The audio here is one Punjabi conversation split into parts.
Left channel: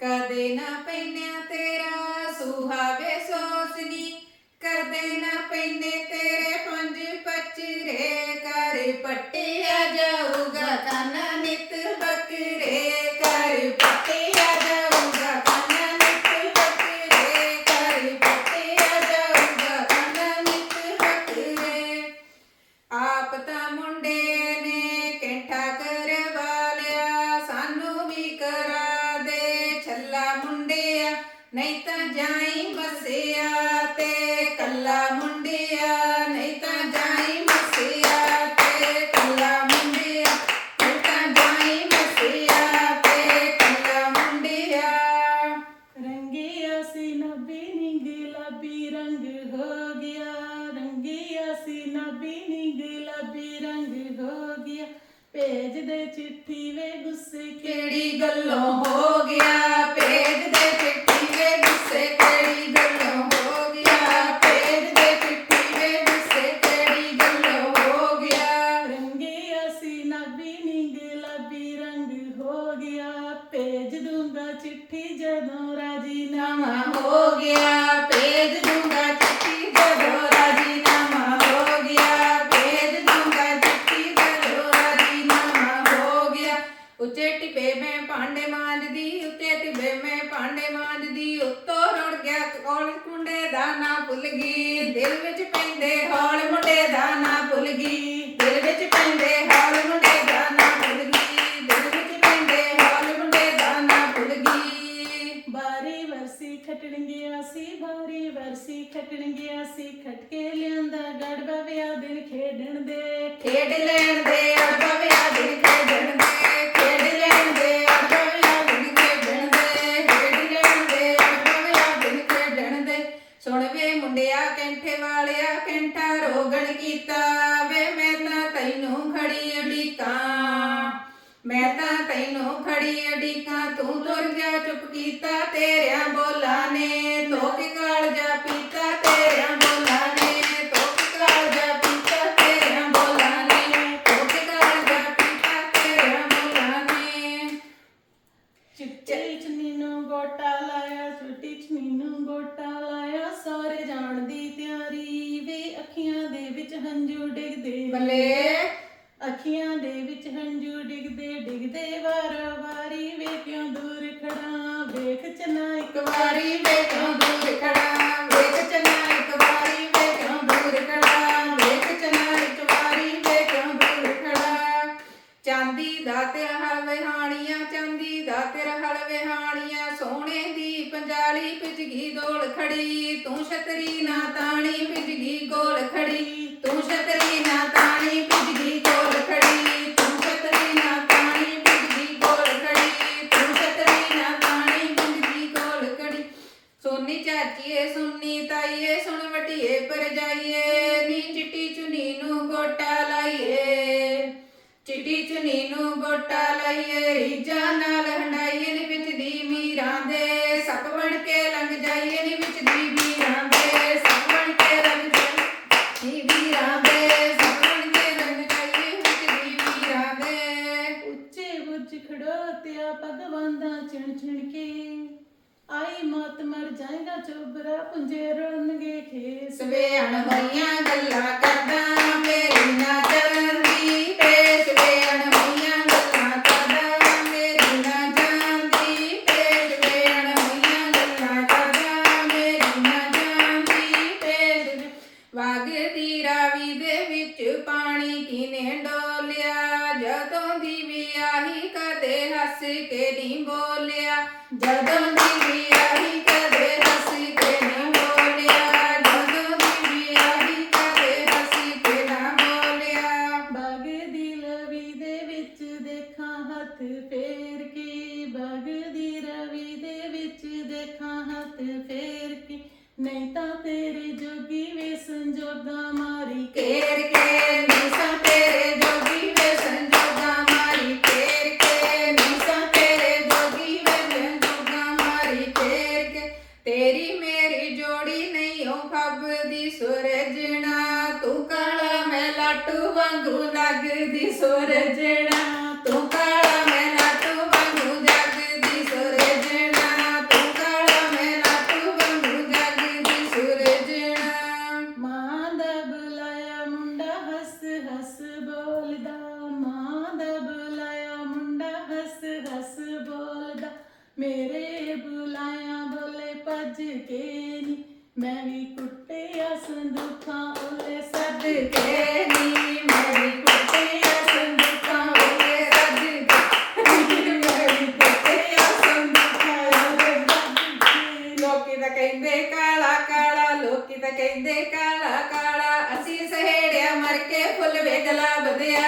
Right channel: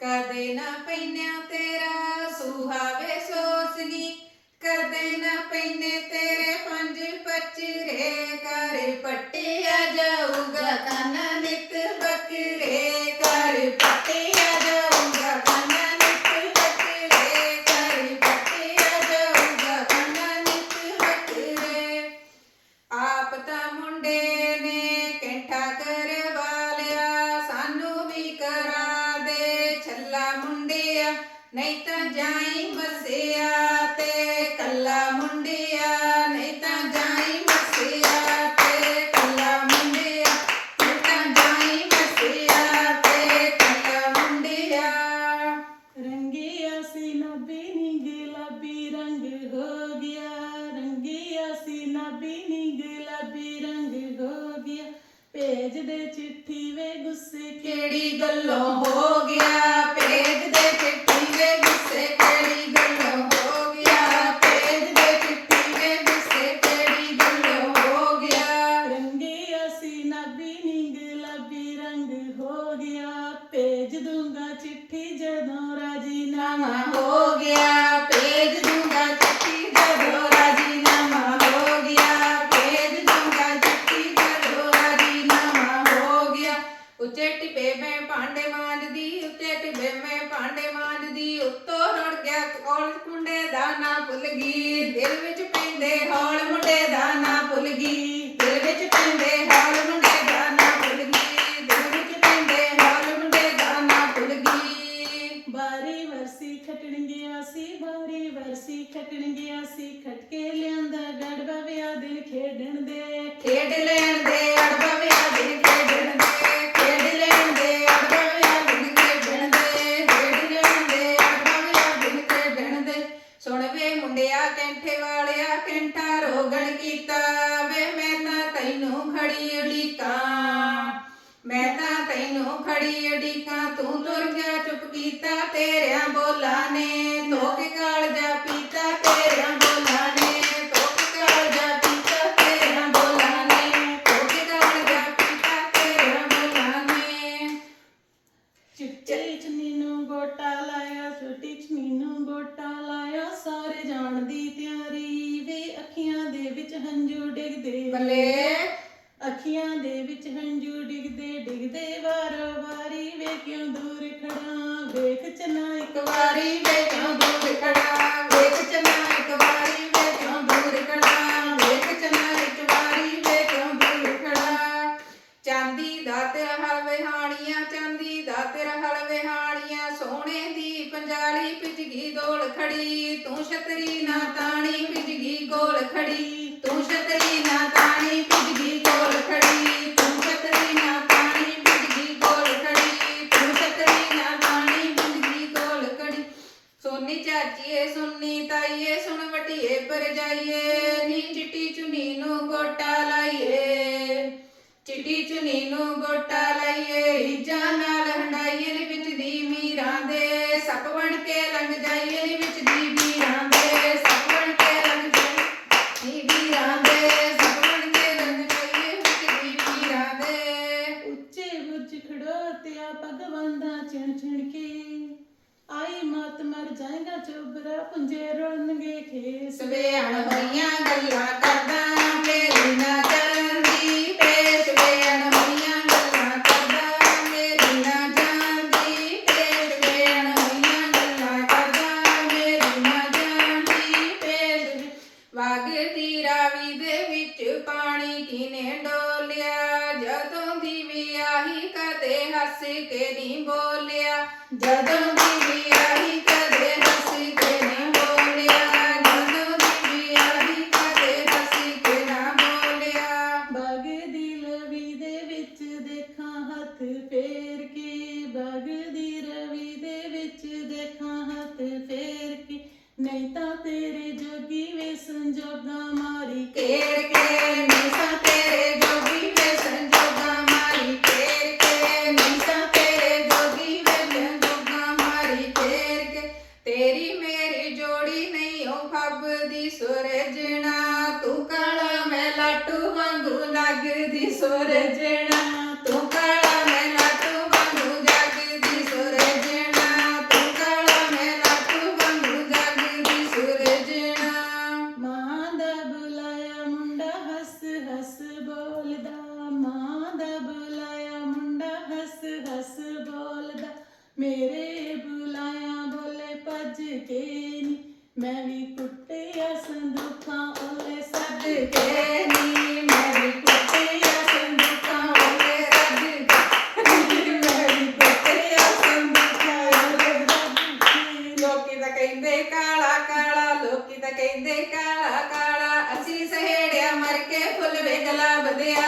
ਕਦੇ ਨਾ ਪੈਨਿਆ ਤੇਰਾ ਸੁਹਾਵੇ ਸੋਸਨੀ, ਕਦੇ ਨਾ ਪੈਨੇ ਤੇਰੇ ਪੰਜ ਪਚਰੇ ਕਰ ਪੱਟਿਆ ਜਾਊਗਾ ਕਾਨਾ ਨਿਤ ਬੱਕਰੇ। ਨਹੀਂ ਤਾਂ ਜਾਈ ਮਸਿਆ ਤੇ ਕੱਲਾ ਮੁੰਡਿਆ। ਚਿੱਠੀ ਵੇ ਗੁੱਸੇ ਕਿਹੜੀ ਗੱਲੋਂ ਹੋ ਗਿਆ? ਭੇਜ ਦੇ ਚਿੱਠੀ ਵੇ ਗੁੱਸੇ ਕਿਹੜੀ ਗੱਲੋਂ ਹੋ ਗਿਆ? ਭੇਜ ਦੇ ਚਿੱਠੀ ਵੇ ਗੁੱਸੇ ਕਿਹੜੀ ਗੱਲੋਂ ਹੋ ਗਿਆ? ਰੰਗਿਆ ਸੀ ਨਬੀ ਨੀ ਗੁਲਾਬੀ ਰੰਗ ਹੋ ਗਿਆ। ਭੇਜ ਦੂੰਗਾ ਚਿੱਠੀ ਜਦੋਂ ਨਾਮਾ ਹੋ ਗਿਆ ਭੇਜ ਦੂੰਗਾ ਚਿੱਠੀ ਜਦੋਂ ਰਾਜੀਨਾਮਾ ਹੋ ਗਿਆ ਭੇਜ ਦੂੰਗਾ ਚਿੱਠੀ ਜਦੋਂ ਰਾਜੀਨਾਮਾ ਹੋ ਗਿਆ ਉੱਚੇ ਟਿਪੇ ਮੈਂ ਭਾਂਡੇ ਮਾਂਜਦੀ ਉੱਚੇ ਟਿਪੇ ਮੈਂ ਭਾਂਡੇ ਮਾਂਜਦੀ ਉੱਤੋਂ ਰੁੜ ਗਿਆ ਕੋਲ ਮੁੰਡੇ ਦਾ ਨਾਂ ਭੁੱਲ ਗਈ। ਦਿਲ ਵਿੱਚ ਪੈਂਦੇ ਹੌਲ ਮੁੰਡੇ ਦਾ ਨਾਂ ਭੁੱਲ ਗਈ। ਦਿਲ ਵਿੱਚ ਪੈਂਦੇ ਹੌਲ ਮੁੰਡੇ ਦਾ ਨਾਂ ਭੁੱਲ ਗਈ। ਦਿਲ ਵਿੱਚ ਪੈਂਦੇ ਹੌਲ ਮੁੰਡੇ ਦਾ ਨਾਂ ਭੁੱਲ ਗਈ। ਬਾਰੀ ਵਰਸੀ ਖਟਣ ਗਿਆ ਸੀ ਬਾਰੀ ਵਰਸੀ ਖਟਣ ਗਿਆ ਸੀ। ਖਟਕੇ ਲਿਆਂਦਾ ਗੜਬਾ ਵਿਆਹ ਦਿਨ ਖੇਡਣ ਦੇ। ਖੇਡ ਲੈਣ ਦੇ ਅੜਬਾ ਵਿਆਹ ਦਿਨ ਖੇਡਣ ਦੇ ਖੇਡ ਲੈਣ ਦੇ ਅੜਬਾ ਵਿਆਹ ਦਿਨ ਖੇਡਣ ਦੇ ਖੇਡ ਲੈਣ ਦੇ ਅੜਬਾ ਵਿਆਹ ਦਿਨ ਖੇਡਣ ਦੇ ਸੁਣ ਵੇ ਮੁੰਡਿਆ ਕੈਂਠੇ ਵਾਲਿਆ ਕੈਂਠਾ ਰੋਗਣ ਕੀਤਾ ਵੇ ਮੈਂ ਤਾਂ ਤੈਨੂੰ ਖੜੀ ਉਡੀਕਾਂ ਮੈਂ ਤਾਂ ਤੈਨੂੰ ਖੜੀ ਅਡੀਕਾਂ ਤੂੰ ਤੁਰ ਗਿਆ ਚੁੱਪ ਕੀਤਾ ਤੇਰਿਆਂ ਬੋਲਾਂ ਨੇ। ਧੋਕੇ ਕਾਲ ਜਾ ਪੀਤਾ ਤੇਰਿਆਂ ਬੋਲਾਂ ਨੇ। ਧੋਕੇ ਕਾਲ ਜਾ ਪੀਤਾ ਤੇਰਿਆਂ ਬੋਲਾਂ ਨੇ। ਧੋਕੇ ਕਾਲ ਜਾ ਪੀਤਾ ਤੇਰਿਆਂ ਬੋਲਾਂ ਨੇ। ਚਿੱਟੇ ਚੁੰਨੀ ਨੂੰ ਗੋਟਾ ਲਾਇਆ ਛੋਟੀ ਚੁੰਨੀ ਨੂੰ ਗੋਟਾ ਲਾਇਆ। ਸਾਰੇ ਜਾਣ ਦੀ ਤਿਆਰੀ ਵੇ ਅੱਖੀਆਂ ਦੇ ਵਿੱਚ ਹੰਝੂ ਡਿੱਗਦੇ। ਬੱਲੇ। ਅੱਖੀਆਂ ਦੇ ਵਿੱਚ ਹੰਝੂ ਡਿੱਗਦੇ ਡਿੱਗਦੇ ਵਾਰੋ ਵਾਰੀ ਵੇ ਕਿਉਂ ਦੂਰ ਖੜਾ ਵੇਖ ਚਨਾ ਇੱਕ ਵਾਰੀ ਵੇ ਕਿਉਂ ਦੂਰ ਖੜਾ ਵੇਖ ਚਨਾ ਇੱਕ ਵਾਰੀ ਵੇ ਕਿਉਂ ਦੂਰ ਖੜਾ ਵੇਖ ਚਨਾ ਇੱਕ ਵਾਰੀ ਵੇ ਕਿਉਂ ਦੂਰ ਖੜਾ ਚਾਂਦੀ ਦਾ ਤੇਰਾ ਹਲ ਵਿਹਾਣੀਆਂ, ਚਾਂਦੀ ਦਾ ਤੇਰਾ ਹਲ ਵਿਹਾਣੀਆਂ ਸੋਹਣੇ ਦੀ ਪੰਜਾਲੀ ਪਿਜਗੀ ਦੋਲ ਖੜੀ ਤੂੰ ਛਤਰੀ ਨਾ ਤਾਣੀ ਪਿਜਗੀ ਗੋਲ ਖੜੀ ਤੂੰ ਛਤਰੀ ਨਾ ਤਾਣੀ ਪਿਜਗੀ ਗੋਲ ਖੜੀ ਤੂੰ ਛਤਰੀ ਨਾ ਤਾਣੀ ਪਿਜਗੀ ਗੋਲ ਖੜੀ ਤੂੰ ਛਤਰੀ ਨਾ ਤਾਣੀ ਪਿਜਗੀ ਗੋਲ ਖੜੀ ਸੋਨੀ ਚਾਚੀਏ ਸੁਣਨੀ ਤਾਈਏ ਪਰ ਜਾਈਏ ਨੀ ਚਿੱਟੀ ਚੁਨੀ ਨੂੰ ਗੋਟਾ ਲਾਈਏ ਚਿੱਟੀ ਚੁਨੀ ਨੂੰ ਗੋਟਾ ਲਾਈਏ ਰੀਜਾਂ ਨਾਲ ਹੰਡਾਈਏ ਨੀ ਵਿੱਚ ਦੀ ਮੀਰਾਂ ਦੇ ਸੱਪ ਬਣ ਕੇ ਲੰਘ ਜਾਈਏ ਨੀ ਵਿੱਚ ਦੀ ਮੀਰਾਂ ਦੇ ਸੱਪ ਬਣ ਕੇ ਲੰਘ ਜਾਈਏ ਨੀ ਵੀਰਾਂ ਦੇ ਸੱਪ ਬਣ ਕੇ ਲੰਘ ਜਾਈਏ ਵਿੱਚ ਦੀ ਮੀਰਾਂ ਦੇ ਉੱਚੇ ਬੁੱਝ ਖੜੋਤਿਆ ਭਗਵਾਨਾ ਚਿਣ ਚਿਣ ਕੇ। ਆਈ ਮਤ ਮਰ ਜਾਏਗਾ ਚੋਬਰਾ, ਪੁੰਜੇ ਰੋਣਗੇ ਖੇਸ ਹੋਈਆਂ ਗੱਲਾਂ ਕਰਦਾ, ਮੇਰੀ ਨਾ ਜਾਂਦੀ ਤੇ ਸਵੇਣ ਹੋਈਆਂ ਗੱਲਾਂ ਕਰਦਾ, ਮੇਰੀ ਨਾ ਜਾਂਦੀ ਤੇ ਸਵੇਣ ਹੋਈਆਂ ਗੱਲਾਂ ਕਰਦਾ, ਮੇਰੀ ਨਾ ਜਾਂਦੀ ਤੇ ਵਗਦੀ ਰਾਵੀ ਦੇ ਵਿੱਚ ਪਾਣੀ ਕਿਨੇ ਡੋਲਿਆ? ਜਦੋਂ ਦੀ ਵਿਆਹੀ ਕਦੇ ਹੱਸ ਕੇ ਨਹੀਂ ਬੋਲਿਆ। ਜਦੋਂ ਜੋਗਾ ਮਾਰੀ ਤੇਰੇ ਜੋਗੀ ਵੇਸਣ ਮਾਰੀ। ਕੇਰ ਕੇ ਮਿਸਾਂ ਤੇਰੇ ਜੋਗੀ ਵੇਸਣ ਮਾਰੀ। ਕੇਰ ਕੇ ਤੇਰੀ ਮੇਰੀ ਜੋੜੀ ਨਹੀਂ, ਉਹ ਖੱਬ ਦੀ ਸੁਰਜਣਾ ਤੂੰ ਕਾਲਾ ਮੈਂ ਲਾਟੂ ਵਾਂਗੂ ਲੱਗਦੀ ਸੁਰਜ ਮੇਰੇ ਬੁਲਾਇਆ ਬੋਲੇ ਭੱਜ ਕੇ ਨੀ। ਮੈਂ ਵੀ ਕੁੱਟਿਆ ਸੰਦੂਖਾਂ ਓਲੇ ਸੱਦ ਸੱਦ ਕੇ ਤਾਂ ਕਹਿੰਦੇ ਕਾਲਾ ਕਾਲਾ, ਲੋਕੀ ਤਾਂ ਕਹਿੰਦੇ ਕਾਲਾ ਕਾਲਾ। ਅਸੀਂ ਸਹੇੜਿਆ ਮਰ ਕੇ ਫੁੱਲ ਵੇਗਲਾ ਬਦਿਆ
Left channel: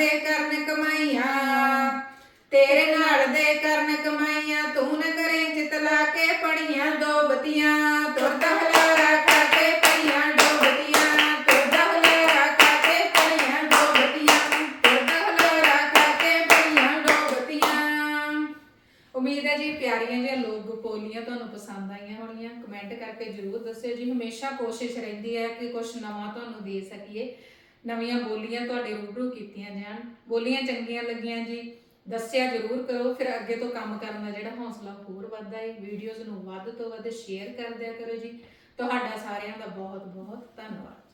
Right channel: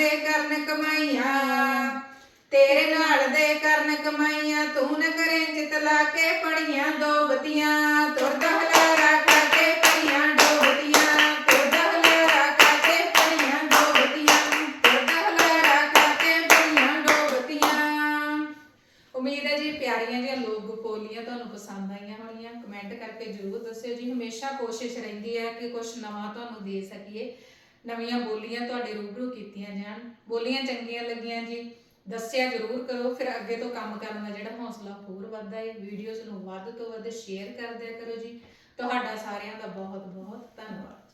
ਦੇ ਕਰਨ ਕਮਾਈਆਂ, ਤੇਰੇ ਨਾਲ ਦੇ ਕਰਨ ਕਮਾਈਆਂ, ਤੂੰ ਨ ਕਰੇ ਚਿਤ ਲਾ ਕੇ ਪੜੀਆਂ ਦੋ ਬਤੀਆਂ ਤੁਰਦਾ ਹਲਾਰਾ ਖਾ ਕੇ ਦੋ ਬਤੀਆਂ ਤੁਰਦਾ ਹਲਾਰਾ ਖਾ ਕੇ ਦੋ ਬਤੀਆਂ ਤੁਰਦਾ ਹਲਾਰਾ ਖਾ ਕੇ ਦੋ ਬਤੀਆਂ। ਉਮੀਦ ਹੈ ਜੀ ਪਿਆਰੀਆਂ ਜਿਹੀਆਂ ਲੋਕ ਬੋਲੀਆਂ ਤੁਹਾਨੂੰ ਪਸੰਦ ਆਈਆਂ ਹੋਣਗੀਆਂ। ਕਮੈਂਟ ਕਰਕੇ ਜਰੂਰ ਦੱਸਿਓ ਜੀ। ਹਮੇਸ਼ਾ ਕੋਸ਼ਿਸ਼ ਰਹਿੰਦੀ ਹੈ ਕਿ ਕੁਝ ਨਵਾਂ ਤੁਹਾਨੂੰ ਦੇ ਸਕੀਏ। ਨਵੀਆਂ ਬੋਲੀਆਂ ਤੁਹਾਡੇ ਰੂਬਰੂ ਕੀਤੀਆਂ ਜਾਣ। ਬੋਲੀਆਂ ਚੰਗੀਆਂ ਲੱਗੀਆਂ ਜੀ। ਦੱਸਿਆ ਜਰੂਰ ਕਰੋ। ਫਿਰ ਅੱਗੇ ਤੋਂ ਕੰਮ ਕਰਨ ਦਾ ਜਿਹੜਾ ਹੌਸਲਾ ਹੋਰ ਵੱਧਦਾ ਹੈ। ਵੀਡੀਓਜ਼ ਨੂੰ ਵੱਧ ਤੋਂ ਵੱਧ ਸ਼ੇਅਰ ਕਰਦਿਆ ਕਰੋ ਜੀ। ਤੁਹਾਡਾ ਸਾਰਿਆਂ ਦਾ ਬਹੁਤ ਬਹੁਤ ਧੰਨਵਾਦ।